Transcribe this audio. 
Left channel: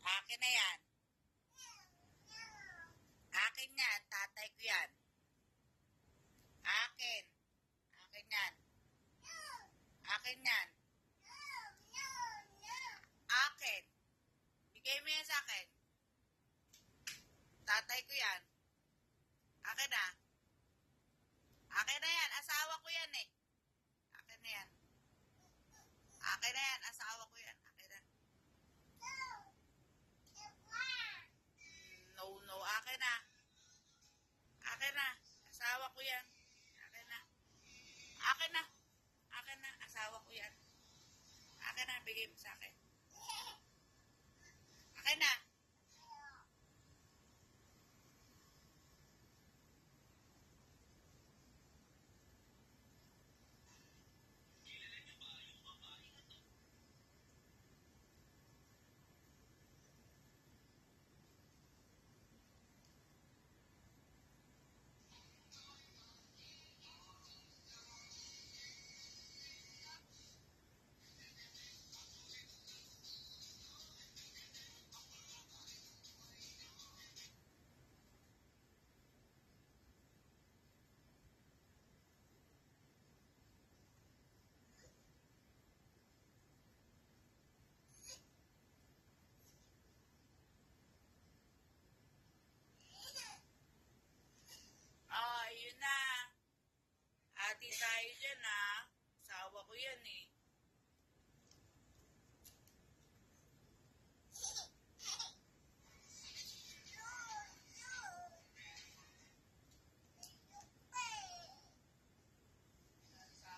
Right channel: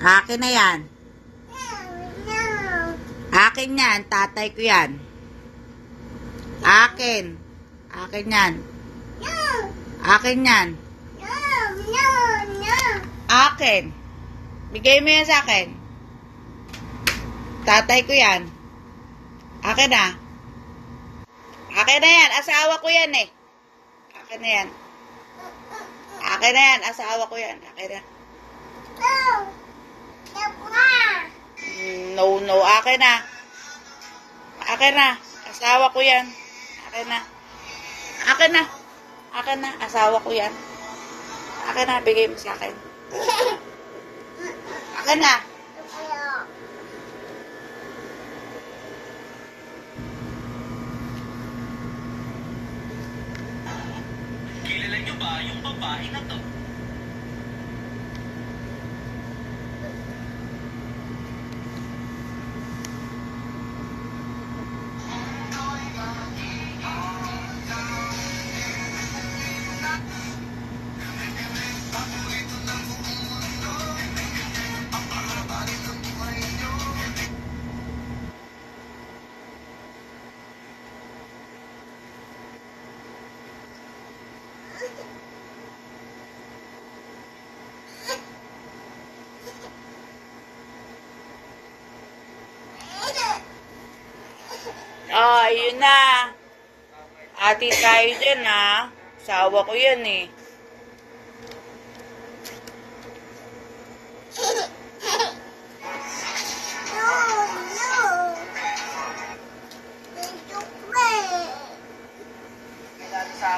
Akin na yan. Akin yan. Tatay ko yan. Akin. Akin yan. Akin yan. Akin. Bigay mo yan sa akin. Tatay ko yan. Akin na. Akin na yan. Asawa ko yan eh. Akin na yan. Akin na yan. Asawa ko yan. Akin na. No, no. Akin na. Akin na. Asawa ko yan. Akin na. Akin na. Akin na. Asawa ko yan. Akin na. Bigay mo sa akin. Akin na. Kilala niyo ba yung babae na to? Oh, yun na. Ati tayo dyan, ha. Sawa ko yan, eh.